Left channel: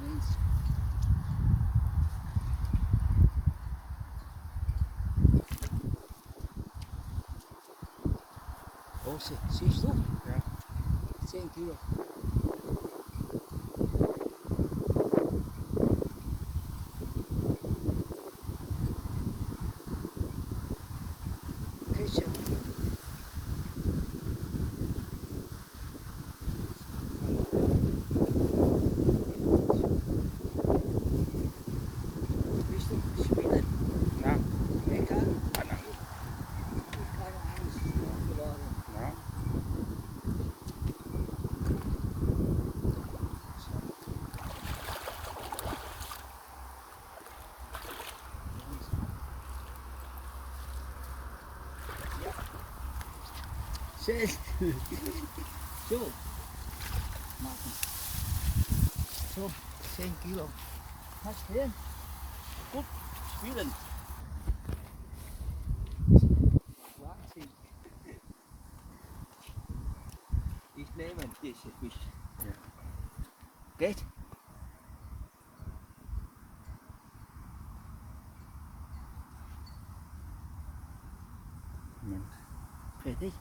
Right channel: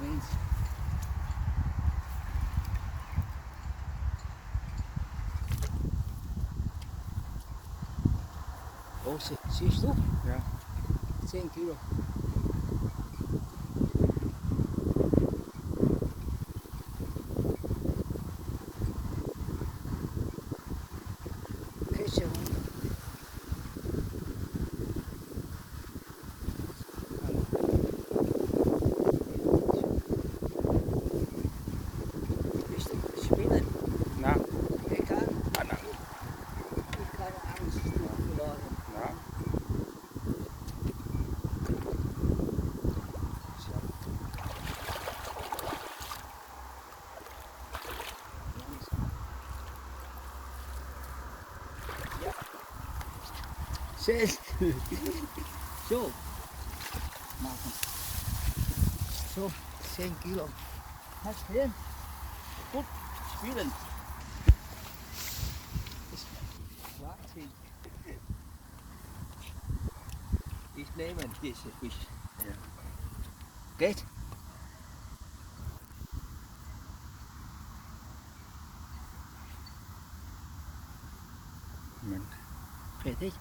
means. Oh, siehst du? Ja. 10 Kilo. Fische. Bist du Spinnen? Na, Geht da? Anna. Ich habe Angst verloren. Na. Schön. So. Machen. So, 10 Kilo. Hast du gesehen? Gut spielen. Wahnsinn. Ich nehme diese Fisch. Ja. Geht? Moment. Fertig?